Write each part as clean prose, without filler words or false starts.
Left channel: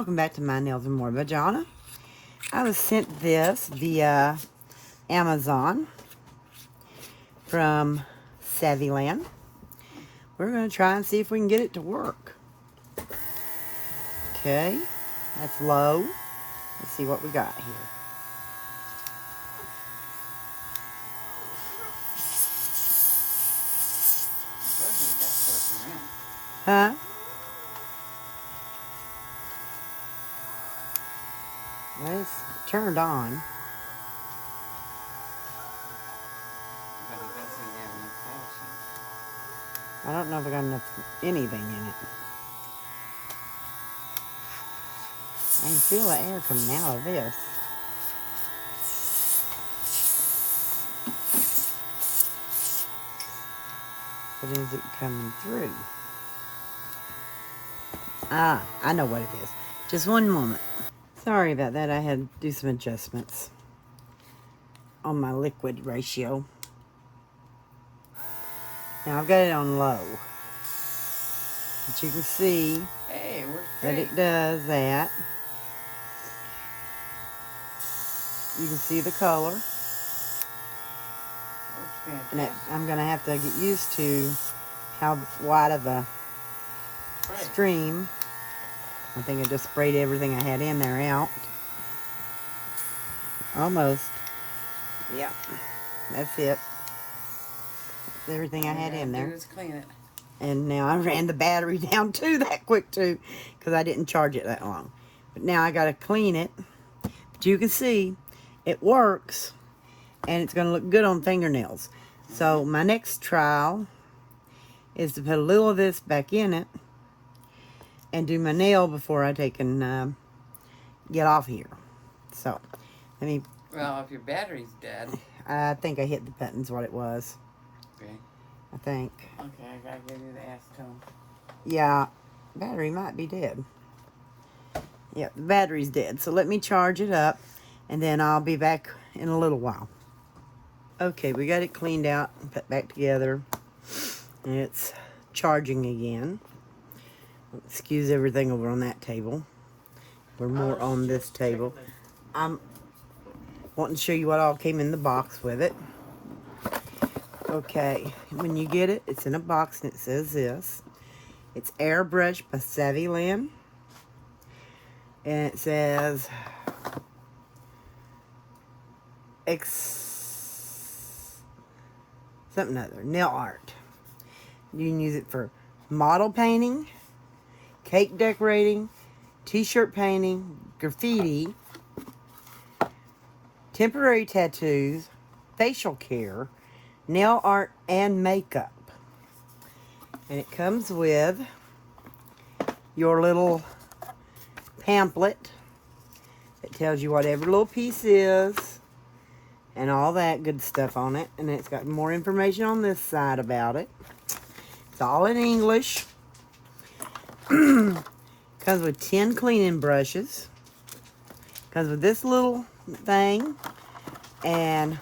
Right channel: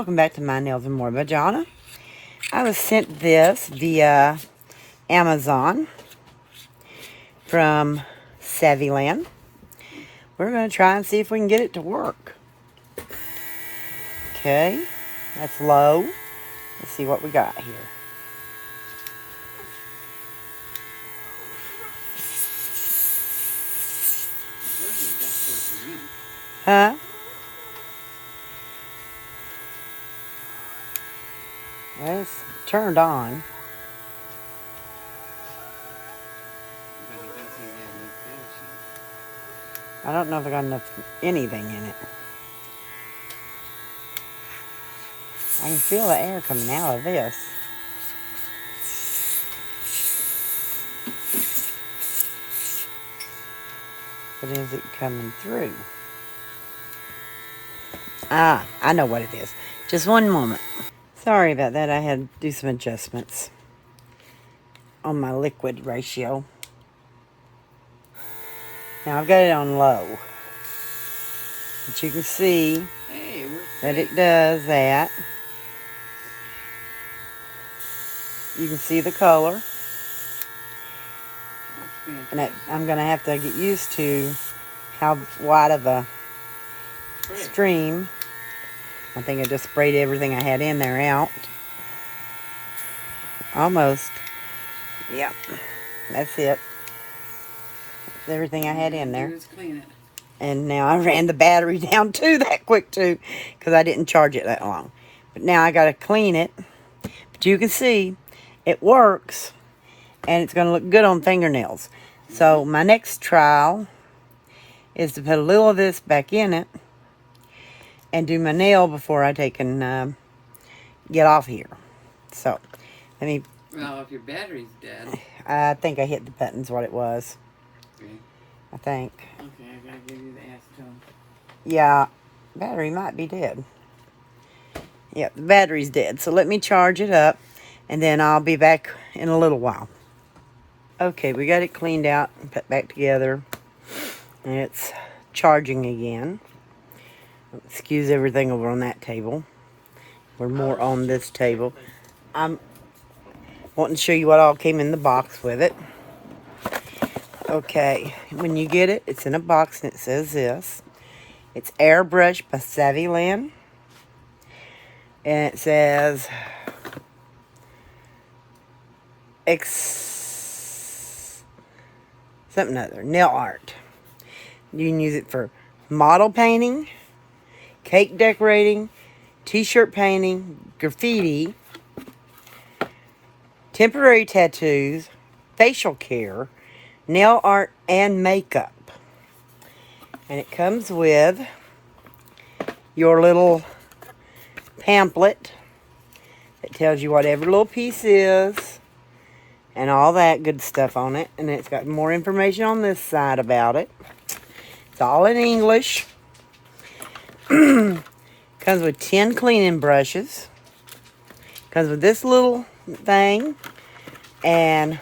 welcome back to My Nails and More by Jonna. I was sent this via Amazon from Saviland. We're going to try and see if we can get it to work. Okay, that's low. Let's see what we got here. Huh? Well, it's turned on. I don't know if I got anything in it. I can feel the air coming out of this. But is it coming through? Ah, I know what it is. Just one moment. Sorry about that. I had to do some adjustments on my liquid ratio. Now I've got it on low. But you can see that it does that. You can see the color. And I'm going to have to get used to how wide of a stream. I think I just sprayed everything I had in there out. Almost. Yep. That's it. That's everything I had in there. Clean it. And now I ran the battery down too that quick too, because I didn't charge it that long. But now I got to clean it. But you can see it works, and it's going to look good on fingernails. So my next trial is to put a little of this back in it and do my nail before I take and get off here. So let me. Well, if your battery's dead. I think I hit the button's what it was. Okay. I think. Okay, I gotta give you the acetone. Yeah, battery might be dead. Yep, the battery's dead. So let me charge it up, and then I'll be back in a little while. Okay, we got it cleaned out and put back together. And it's charging again. Excuse everything over on that table. We're more on this table. I'm wanting to show you what all came in the box with it. Okay, when you get it, it's in a box and it says this. It's Airbrush by Saviland. And it says something other, nail art. You can use it for model painting, cake decorating, t-shirt painting, graffiti, temporary tattoos, facial care, nail art, and makeup. And it comes with your little pamphlet that tells you what every little piece is and all that good stuff on it. And it's got more information on this side about it. It's all in English. Comes with 10 cleaning brushes. Comes with this little thing and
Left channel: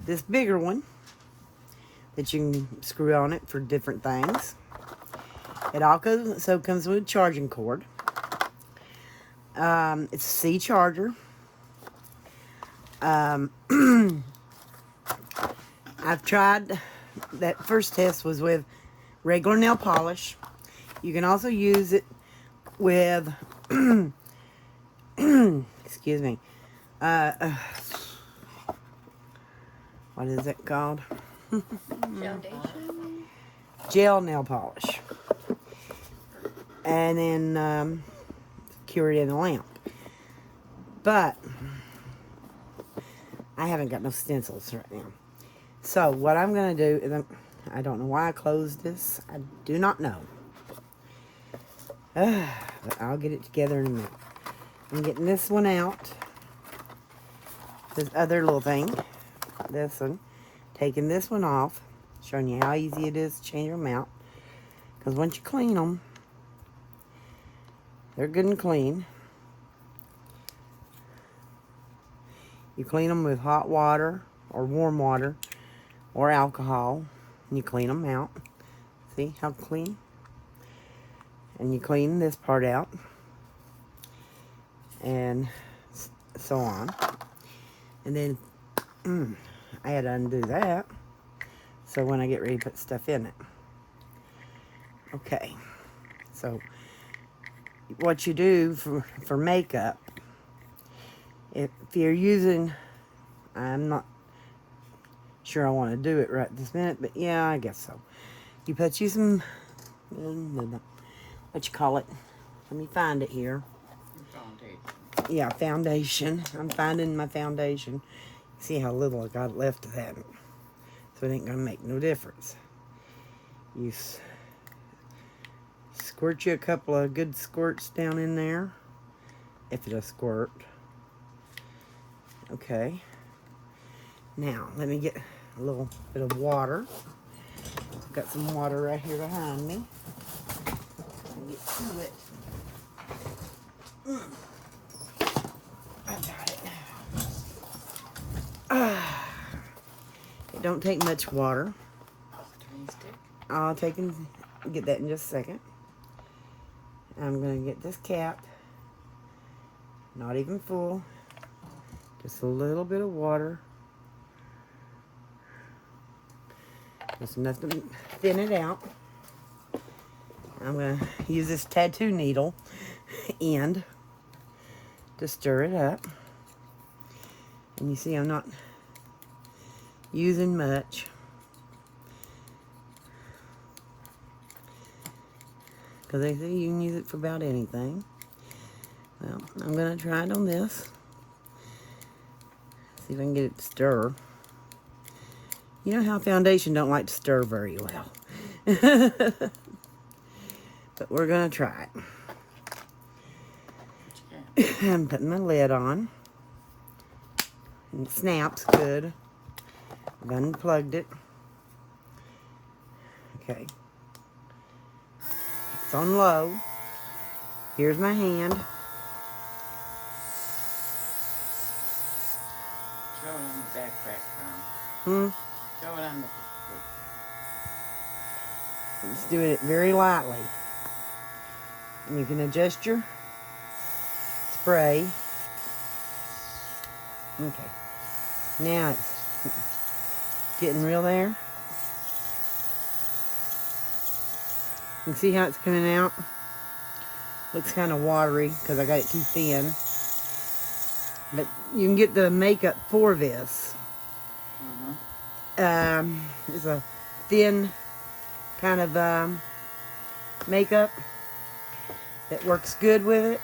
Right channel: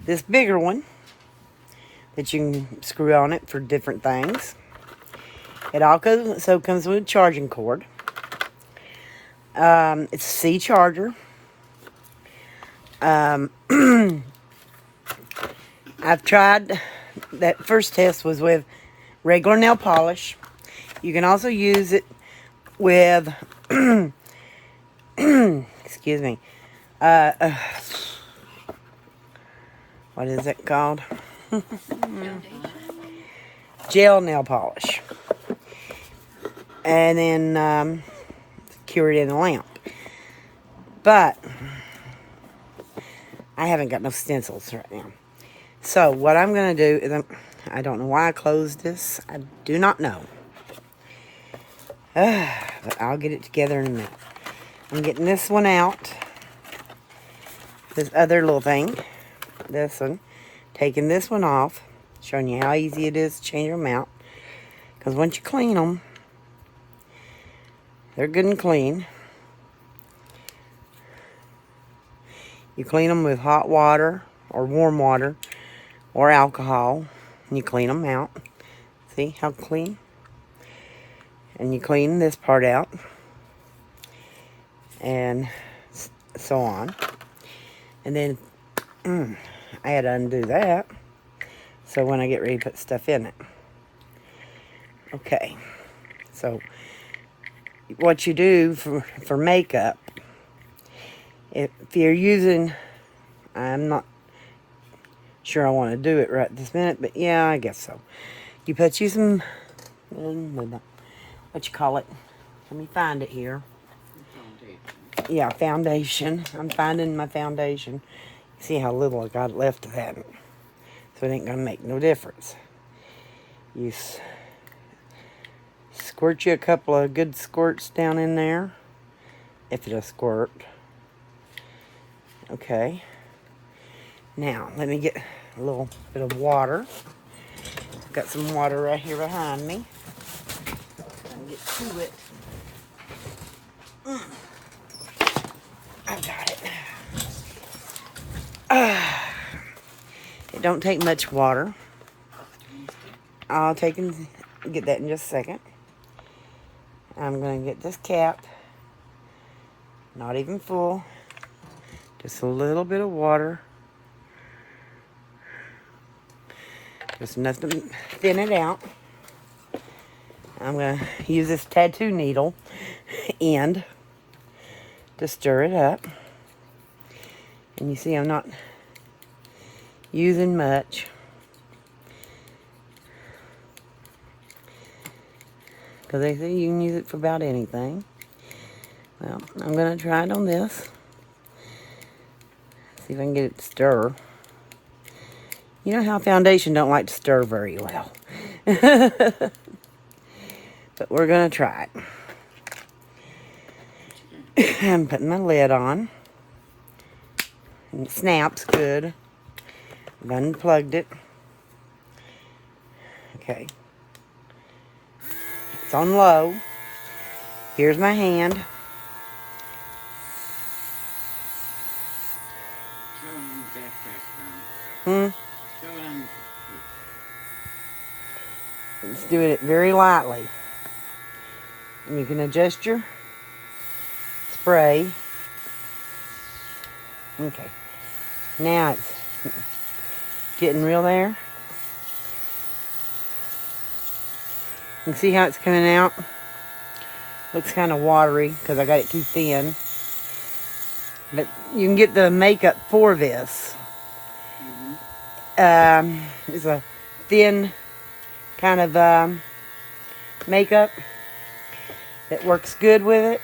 this bigger one that you can screw on it for different things. It also comes with a charging cord. It's a C charger. I've tried, that first test was with regular nail polish. You can also use it with, excuse me, what is it called? Gel nail polish. And then cure it in a lamp. But I haven't got no stencils right now. So what I'm going to do is, I don't know why I closed this. I do not know. But I'll get it together in a minute. I'm getting this one out. This other little thing. This one. Taking this one off. Showing you how easy it is to change them out. Because once you clean them, they're good and clean. You clean them with hot water or warm water or alcohol. And you clean them out. See how clean? And you clean this part out. and so on. And then I had to undo that. So when I get ready to put stuff in it. Okay. So what you do for makeup, if you're using, I'm not sure I want to do it right this minute, but yeah, I guess so. You put you some, what you call it? Let me find it here. Foundation. Yeah, foundation. I'm finding my foundation. See how little I got left of that. So it ain't going to make no difference. You squirt you a couple of good squirts down in there. If it'll squirt. Okay. Now, let me get a little bit of water. I've got some water right here behind me. Let me get to it. I got it. It don't take much water. I'll take and get that in just a second. I'm going to get this cap. Not even full. Just a little bit of water. Just enough to thin it out. I'm going to use this tattoo needle end to stir it up. And you see I'm not using much. Because they say you can use it for about anything. Well, I'm going to try it on this. See if I can get it to stir. You know how foundation don't like to stir very well. But we're going to try it. I'm putting my lid on. And it snaps good. I've unplugged it. Okay. It's on low. Here's my hand. Throw it on the backpack, Mom. Hmm? Throw it on the... Just doing it very lightly. And you can adjust your spray. Okay. Now it's getting real there. You can see how it's coming out. Looks kind of watery because I got it too thin. But you can get the makeup for this. It's a thin kind of makeup that works good with it.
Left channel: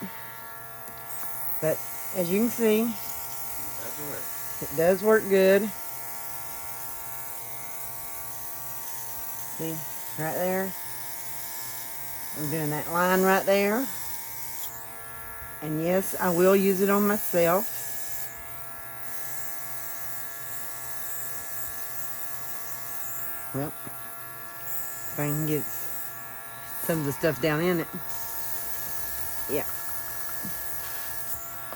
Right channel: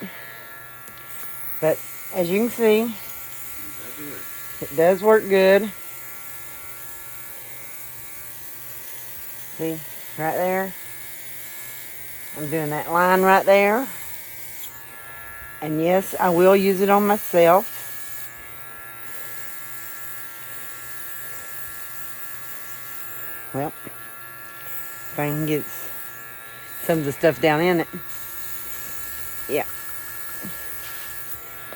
But as you can see, it does work good. See, right there. I'm doing that line right there. And yes, I will use it on myself. Well, if I can get some of the stuff down in it. Yeah.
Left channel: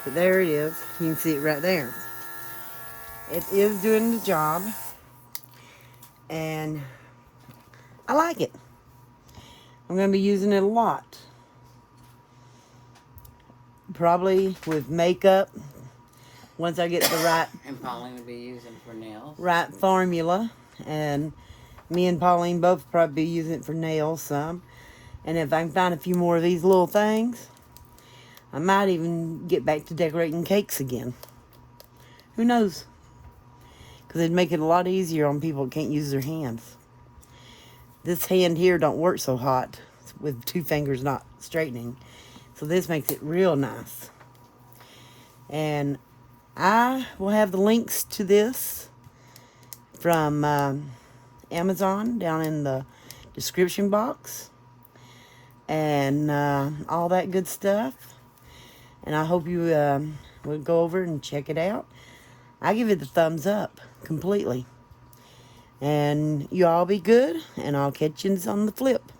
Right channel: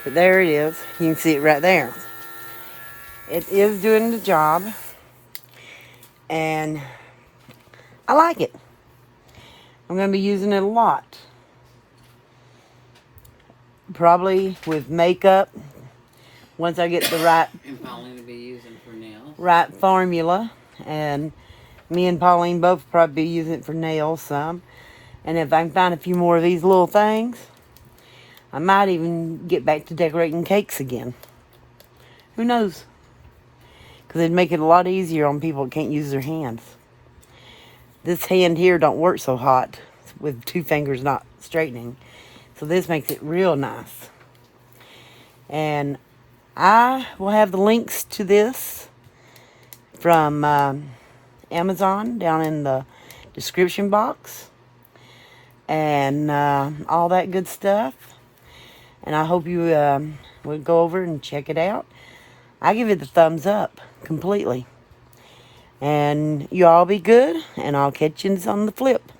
But there it is. You can see it right there. It is doing the job. And I like it. I'm going to be using it a lot. Probably with makeup. Once I get the right... And Pauline will be using it for nails. Right formula. And me and Pauline both probably be using it for nails some. And if I can find a few more of these little things, I might even get back to decorating cakes again. Who knows? Because it'd make it a lot easier on people that can't use their hands. This hand here don't work so hot with two fingers not straightening. So this makes it real nice. And I will have the links to this from Amazon down in the description box. And all that good stuff. And I hope you will go over and check it out. I give it the thumbs up completely. And you all be good, and I'll catch you on the flip.